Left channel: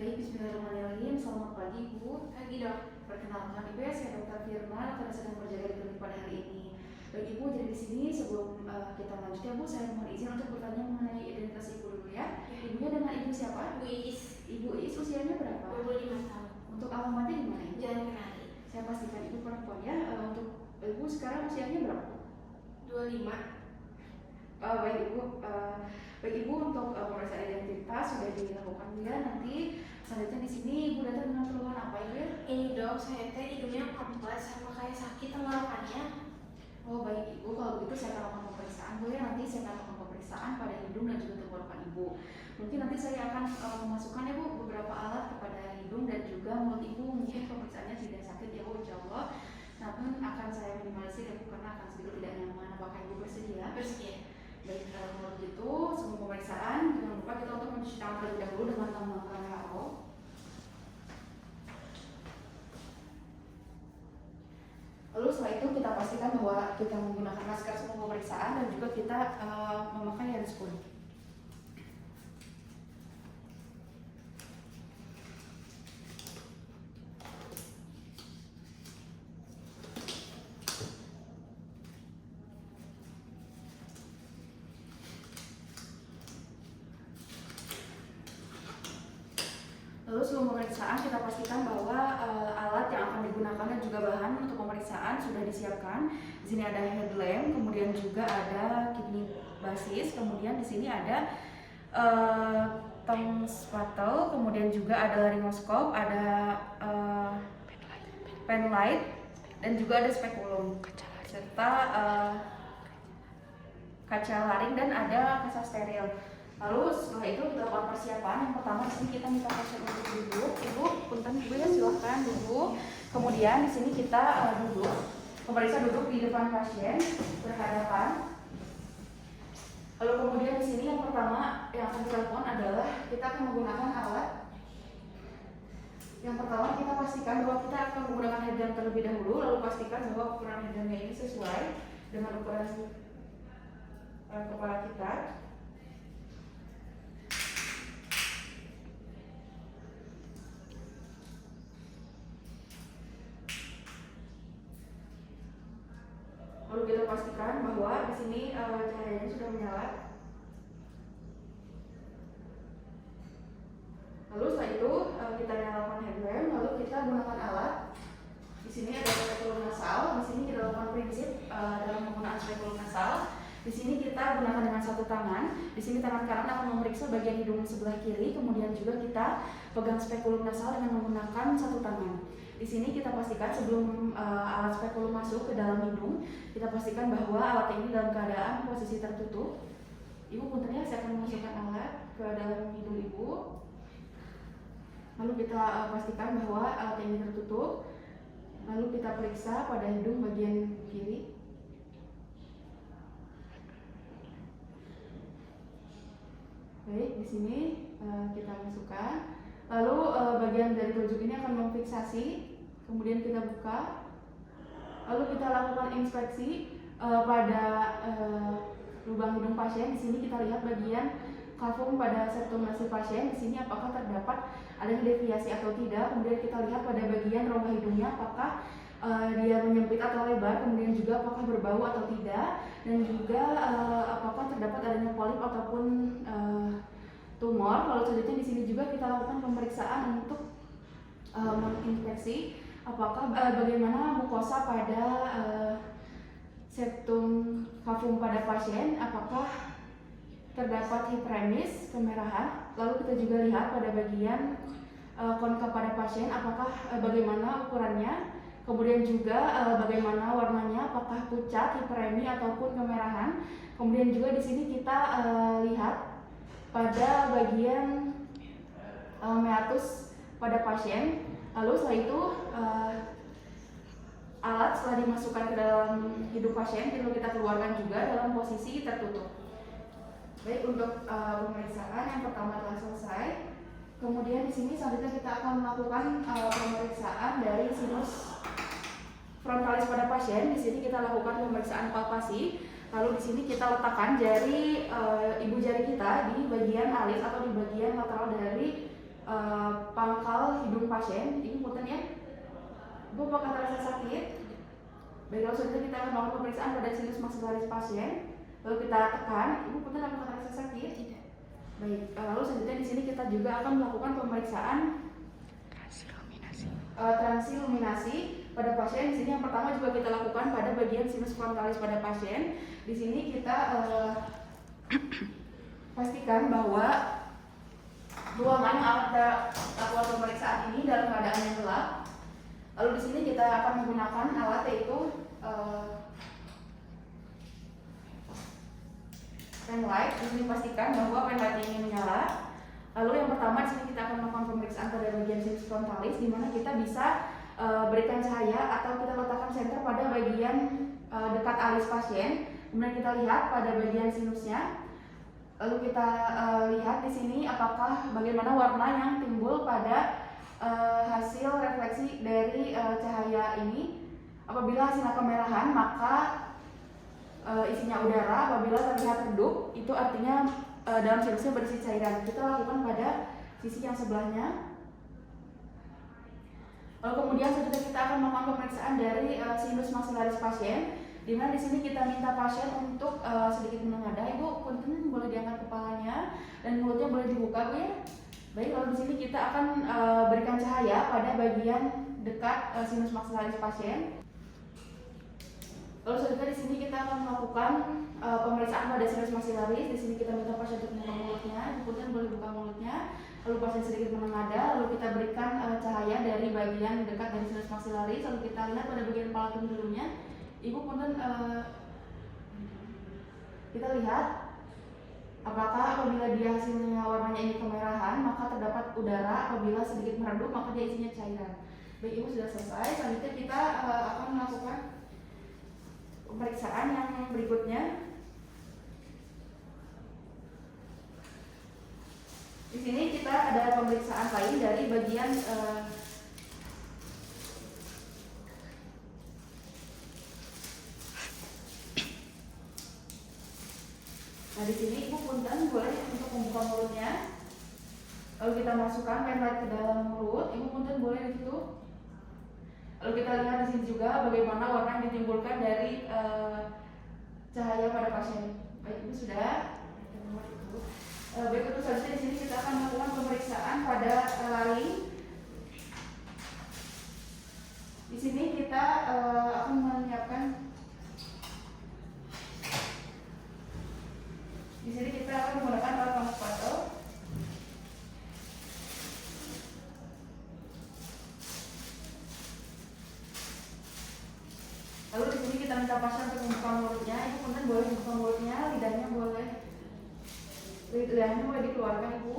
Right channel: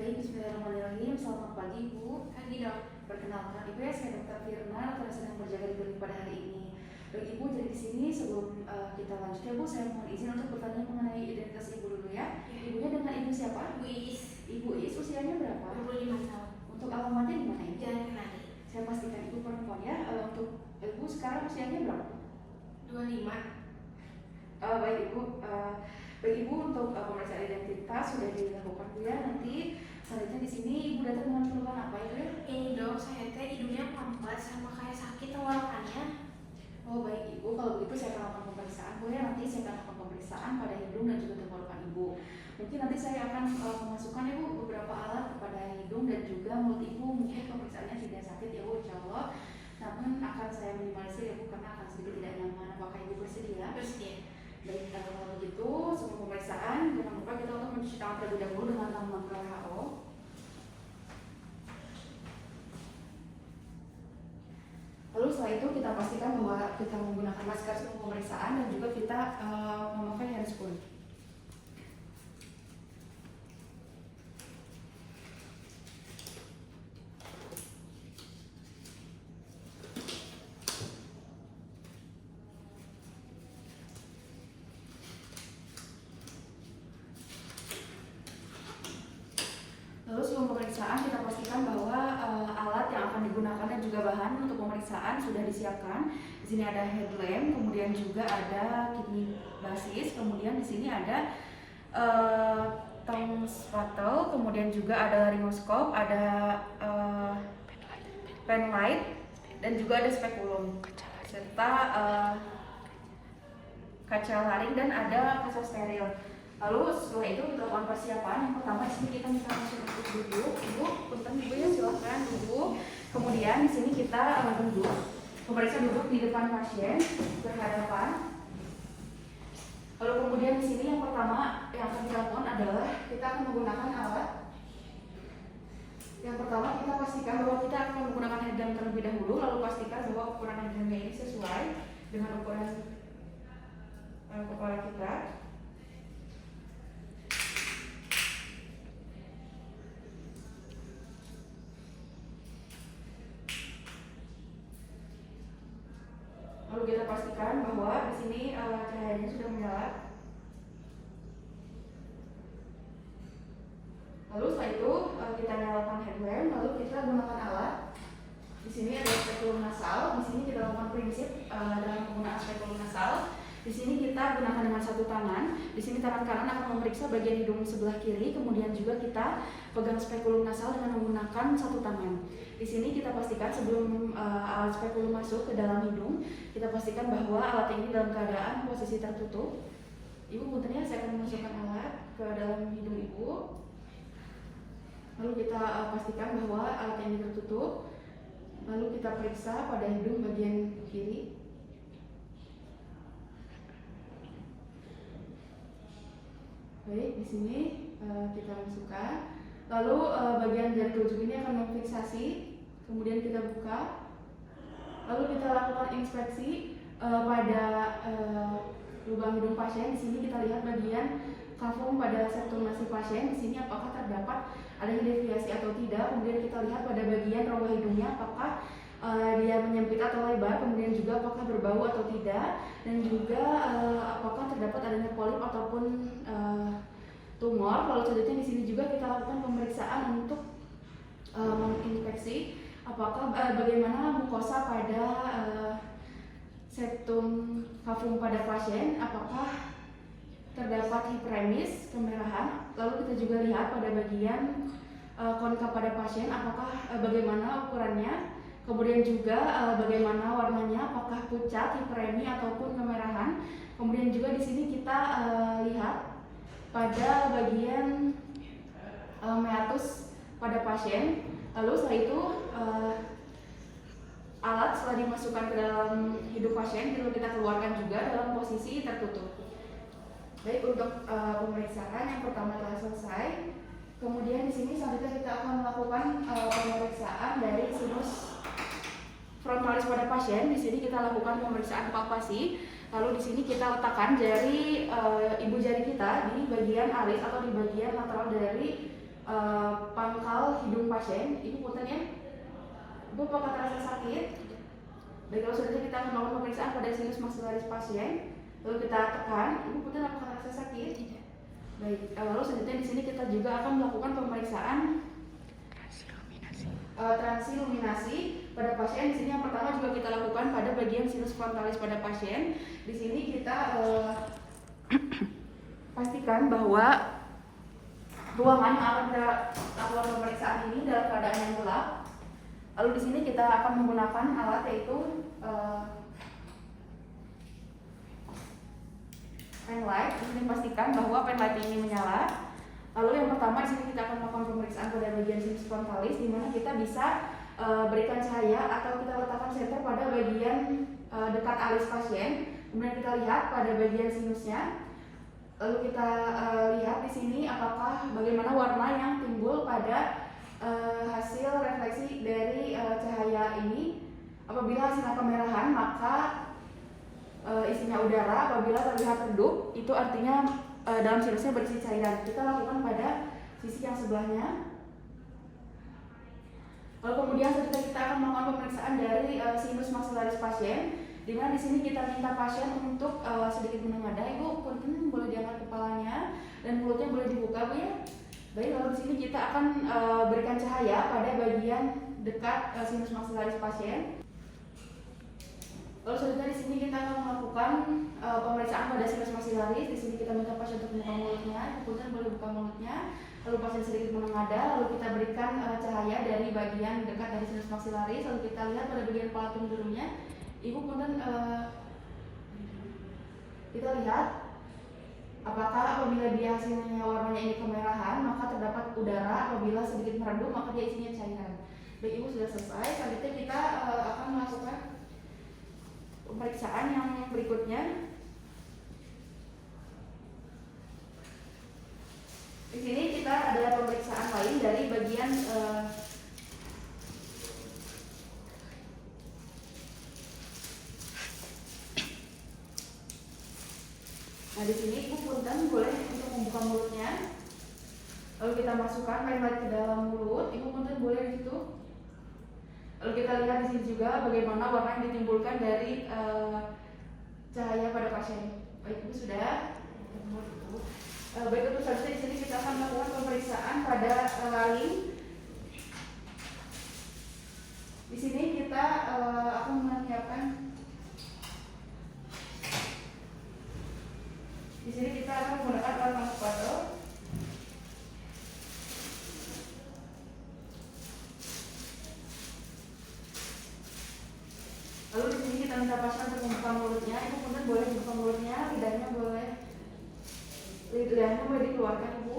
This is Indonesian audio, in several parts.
Baik, bismillahirrahmanirrahim. Selamat pagi, Ibu. Pagi dok. Perkenalkan, Ibu ya, saya Dr. Firman, yang sedang berjaga di klinik pada hari ini. Baik, Ibu, jadi di sini sebelum kita lanjut ya, Bu, saya mohon izin untuk bertanya mengenai identitas Ibu dulu ya. Ibunya dengan Ibu siapa? Bu Iis. Ibu Iis usianya berapa? 25 tahun. Untuk alamatnya di mana, Ibu? Jalan Kenari. Saya pastikan Ibu perempuan ya. Untuk Ibu sekarang usianya berapa? 25. Baik Ibu, untuk pemeriksaan identitas sudah dilakukan Bu ya. Nanti selanjutnya di sini Ibu datang dengan keluhan apa ya? Ini dok, saya teh hidungnya pampet sama kayak sakit tenggorokannya. Oh baik Ibu, kalau begitu saya akan lakukan pemeriksaan Bu ya. Nanti saya akan lakukan pemeriksaan pada hidung dan juga tenggorokan Ibu. Mungkin nanti saya akan memasukkan Ibu beberapa alat kepada hidung dan juga mulut Ibu. Mungkin pemeriksaannya tidak sakit ya Bu, insya Allah. Namun akan saya minimalisir ya Bu, karena akan sedikit tidak nyaman. Apakah Ibu bersedia? Bersedia. Baik, kalau begitu sebelum pemeriksaan jangan lupa kita untuk mencuci tangan terlebih dahulu dengan lambang WHO. Lalu setelah itu kita pastikan bahwa kita menggunakan masker sebelum pemeriksaan dan juga kita memakai handscoon. Lalu sebelum pemeriksaan kita pastikan bahwa alat yang akan digunakan dan juga bahan untuk pemeriksaan sudah disiapkan. Di sini ada headlamp, kemudian juga ada kidney basis, kemudian di sini ada tong spatel, kemudian juga ada laryngoscope, ada pen light, dan juga ada spekulum serta kaca laring dan ada kaca steril. Lalu setelah itu kita lakukan persiapan. Yang pertama di sini kita minta pasien untuk duduk. Ibu, punten Ibu ya, silakan duduk. Kemudian di sini kita duduk. Pemeriksa duduk di depan pasien berhadapan. Lalu kemudian di sini yang pertama yang akan kita lakukan adalah kita akan menggunakan alat. Yang pertama kita pastikan bahwa kita akan menggunakan headlamp terlebih dahulu. Lalu pastikan bahwa ukuran headlampnya ini sesuai dengan ukuran kepala kita. Lalu kita pastikan bahwa di sini cahayanya sudah menyala. Lalu setelah itu kita nyalakan headlamp, lalu kita gunakan alat. Di sini ada spekulum nasal. Di sini kita lakukan prinsip dalam penggunaan spekulum nasal. Di sini kita gunakan dengan satu tangan. Di sini tangan kanan akan memeriksa bagian hidung sebelah kiri, kemudian juga kita pegang spekulum nasal dengan menggunakan satu tangan. Di sini kita pastikan sebelum alat spekulum masuk ke dalam hidung, kita pastikan bahwa alat ini dalam keadaan posisi tertutup. Ibu punten ya, saya akan memasukkan alat ke dalam hidung Ibu. Lalu kita pastikan bahwa alat ini tertutup. Lalu kita periksa pada hidung bagian kiri. Baik, di sini kita masukkan. Lalu bagian dari telunjuk ini akan memfiksasi. Kemudian kita buka. Lalu kita lakukan inspeksi pada lubang hidung pasien. Di sini kita lihat bagian kafum pada septum nasi pasien. Di sini apakah terdapat adanya deviasi atau tidak. Kemudian kita lihat pada bagian rongga hidungnya apakah dia menyempit atau lebar, kemudian juga apakah berbau atau tidak, dan juga apakah terdapat adanya polip ataupun tumor. Lalu selanjutnya di sini juga kita lakukan pemeriksaan untuk menginspeksi apakah bagaimana mukosa pada septum kafum pada pasien, apakah terdapat hiperemis, kemerahan. Lalu kita juga lihat pada bagian konkav pada pasien apakah bagaimana ukurannya. Kemudian juga bagaimana warnanya, apakah pucat, hiperemi ataupun kemerahan. Kemudian juga di sini kita lihat pada bagian meatus pada pasien. Lalu setelah itu alat setelah dimasukkan ke dalam hidung pasien lalu kita keluarkan juga dalam posisi tertutup. Baik, untuk pemeriksaan yang pertama telah selesai. Kemudian di sini selanjutnya kita akan melakukan pemeriksaan dari sinus frontalis pada pasien. Di sini kita lakukan pemeriksaan palpasi. Lalu di sini kita letakkan jari ibu jari kita di bagian alis atau di bagian lateral dari pangkal hidung pasien. Ibu punten ya. Ibu apakah terasa sakit? Baik, kalau sudah kita akan melakukan pemeriksaan pada sinus maksilaris pasien. Lalu kita tekan. Ibu punten apakah terasa sakit? Tidak. Baik, lalu selanjutnya di sini kita juga akan melakukan pemeriksaan transiluminasi pada pasien. Di sini yang pertama juga kita lakukan pada bagian sinus frontalis pada pasien. Di sini kita pastikan bahwa ruangan yang akan kita lakukan pemeriksaan ini dalam keadaan yang gelap. Lalu di sini kita akan menggunakan alat yaitu pen light. Di sini pastikan bahwa pen light ini menyala. Lalu yang pertama di sini kita akan melakukan pemeriksaan pada bagian sinus frontalis, di mana kita bisa berikan cahaya atau kita letakkan senter pada bagian dekat alis pasien. Kemudian kita lihat pada bagian sinusnya. Lalu kita lihat di sini apakah bagaimana warna yang timbul pada hasil refleksi dari cahaya ini. Apabila hasilnya kemerahan, maka isinya udara. Apabila terlihat redup, itu artinya dalam sinusnya berisi cairan. Kita lakukan pada sisi yang sebelahnya. Lalu kemudian selanjutnya kita akan melakukan pemeriksaan dari sinus maksilaris pasien, di mana di sini kita minta pasien untuk sedikit menengadah. Ibu punten boleh diangkat kepalanya dan mulutnya boleh dibuka, Bu ya. Baik, lalu di sini kita akan berikan cahaya pada bagian dekat sinus maksilaris pasien. Lalu selanjutnya di sini kita akan melakukan pemeriksaan pada sinus maksilaris. Di sini kita minta pasien untuk membuka mulutnya. Ibu punten boleh buka mulutnya. Lalu pasien sedikit menengadah. Lalu kita berikan cahaya dari bagian dekat dari sinus maksilaris. Lalu kita lihat pada bagian kepala cenderungnya. Ibu punten kita lihat apakah apabila dia hasilnya warnanya ini kemerahan, maka terdapat udara. Apabila sedikit meredup, maka dia isinya cairan. Baik, Ibu sudah selesai. Selanjutnya kita akan melakukan pemeriksaan yang berikutnya. Di sini kita ada pemeriksaan lain dari bagian nah di sini Ibu punten boleh untuk membuka mulutnya. Lalu kita masukkan pen light ke dalam mulut. Ibu punten boleh di situ. Lalu kita lihat di sini juga bagaimana warna yang ditimbulkan dari cahaya pada pasien. Baik, Ibu sudah. Baik, untuk selanjutnya di sini kita akan melakukan pemeriksaan pada laring. Di sini kita akan menyiapkan. Di sini kita akan menggunakan alat manipulator. Lalu di sini kita minta pasien untuk membuka mulutnya. Ibu punten boleh membuka mulutnya, lidahnya boleh dikeluarkan, Ibu.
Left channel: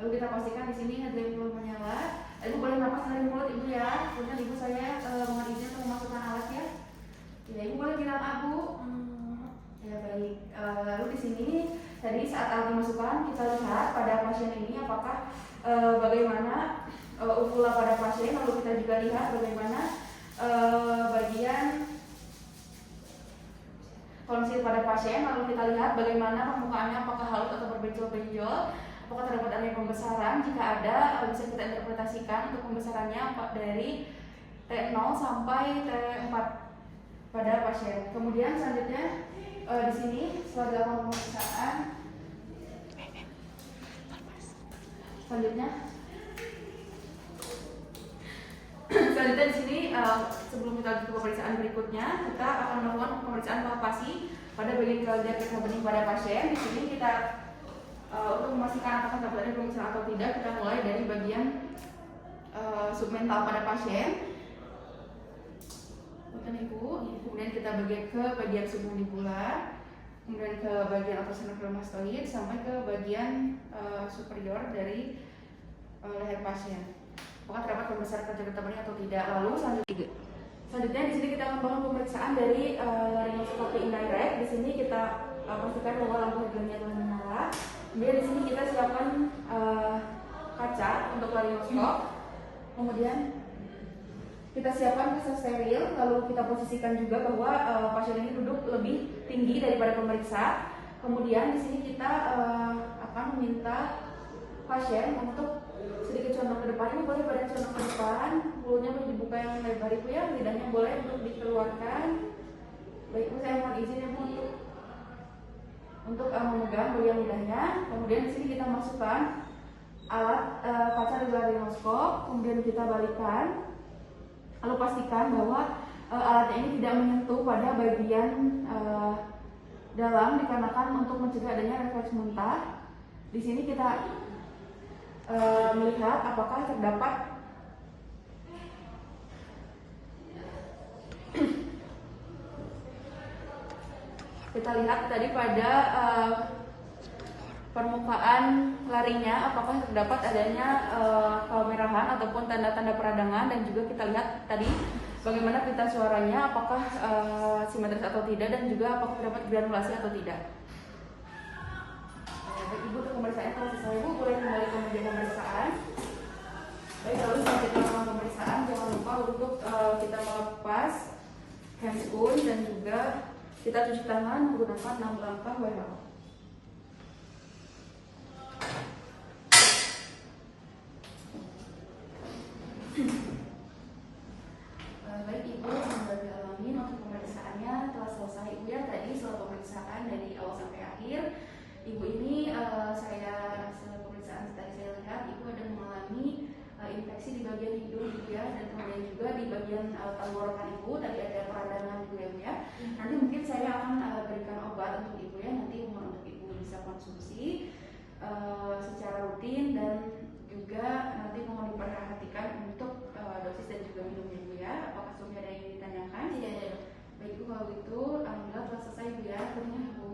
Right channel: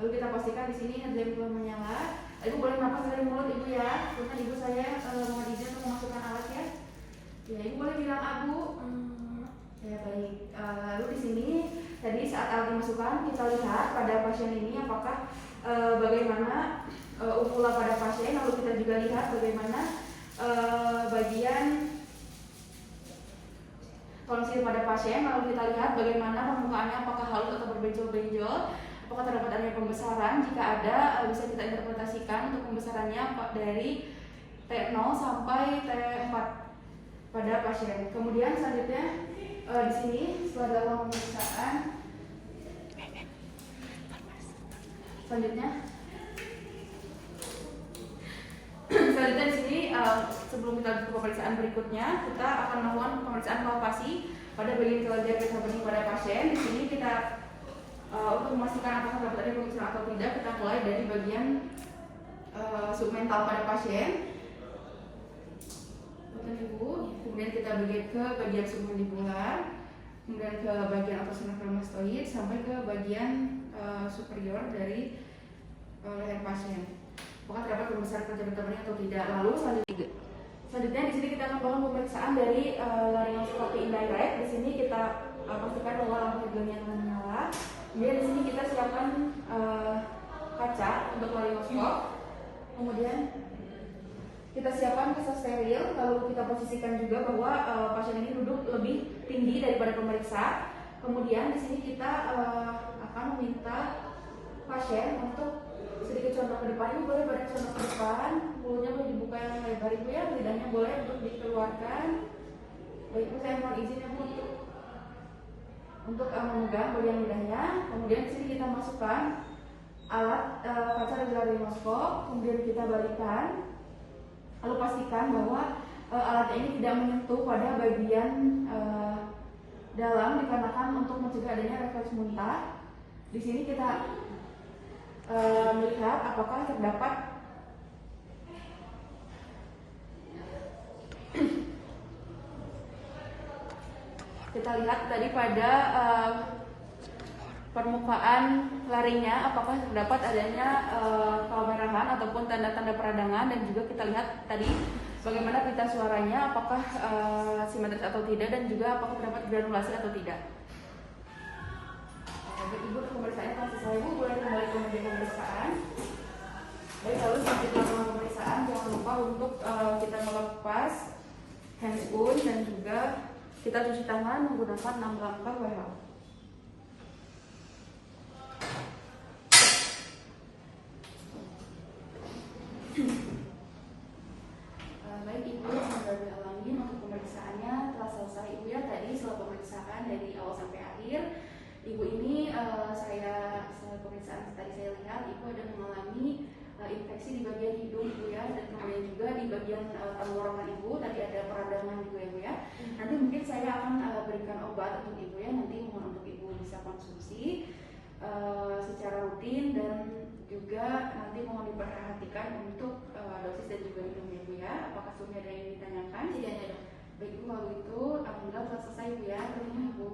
Lalu kita pastikan di sini headlamp belum menyala. Ibu boleh napas dari mulut, Ibu ya. Punten Ibu, saya mohon izin untuk memasukkan alat ya. Ya, Ibu boleh bilang Abu. Ya baik. Lalu di sini tadi saat alat dimasukkan kita lihat pada pasien ini apakah bagaimana uvula pada pasien. Lalu kita juga lihat bagaimana bagian tonsil pada pasien. Lalu kita lihat bagaimana permukaannya apakah halus atau berbenjol-benjol, apakah terdapat area pembesaran. Jika ada, bisa kita interpretasikan untuk pembesarannya dari T0 sampai T4 pada pasien. Kemudian selanjutnya di sini setelah dilakukan pemeriksaan, selanjutnya di sini sebelum kita lanjut ke pemeriksaan berikutnya, kita akan melakukan pemeriksaan palpasi pada bagian kelenjar getah bening pada pasien. Di sini kita untuk memastikan apakah terdapat pemeriksaan atau tidak, kita mulai dari bagian submental pada pasien. Kemudian kita ke bagian submandibular, kemudian ke bagian atas kremastoid sampai ke bagian superior dari leher pasien. Apakah terdapat pembesaran kelenjar getah bening atau tidak? Lalu selanjutnya di sini kita akan melakukan pemeriksaan dari laryngoscopy indirect. Di sini kita pastikan bahwa lampu headlampnya telah menyala. Kemudian di sini kita siapkan kaca untuk laryngoskop. Kemudian kita siapkan kaca steril, lalu kita posisikan juga bahwa pasien ini duduk lebih tinggi daripada pemeriksa. Kemudian di sini kita akan meminta pasien untuk depan. Ibu boleh badan condong ke depan, mulutnya boleh dibuka yang lebar Ibu ya, lidahnya boleh untuk dikeluarkan. Baik Ibu, saya mohon izin Ibu untuk memegang bagian lidahnya. Kemudian di sini kita masukkan alat kaca radioloskop, kemudian kita balikan. Lalu pastikan bahwa alatnya ini tidak menyentuh pada bagian dalam dikarenakan untuk mencegah adanya refleks muntah. Di sini kita melihat apakah terdapat kita lihat tadi pada permukaan laringnya apakah terdapat adanya kemerahan ataupun tanda-tanda peradangan, dan juga kita lihat tadi bagaimana pita suaranya apakah simetris atau tidak, dan juga apakah terdapat granulasi atau tidak. Ibu untuk pemeriksaannya telah selesai. Ibu boleh kembali ke meja pemeriksaan. Baik, lalu selanjutnya pemeriksaan jangan lupa untuk kita melepas handscoon dan juga kita cuci tangan menggunakan 6 langkah WHO. Baik Ibu, semoga dialami untuk pemeriksaannya telah selesai Ibu ya. Tadi setelah pemeriksaan dari awal sampai akhir, Ibu ini setelah pemeriksaan tadi saya lihat Ibu ada mengalami infeksi di bagian hidung Ibu ya, dan kemudian juga di bagian tenggorokan Ibu tadi ada peradangan Ibu ya Bu ya. Nanti mungkin saya akan berikan obat untuk Ibu ya, nanti mohon untuk Ibu bisa konsumsi secara rutin, dan juga nanti mohon diperhatikan untuk dosis dan juga minumnya Ibu ya. Apakah sudah ada yang ditanyakan? Iya. Baik Ibu, kalau gitu alhamdulillah telah selesai Ibu ya. Terima kasih Bu.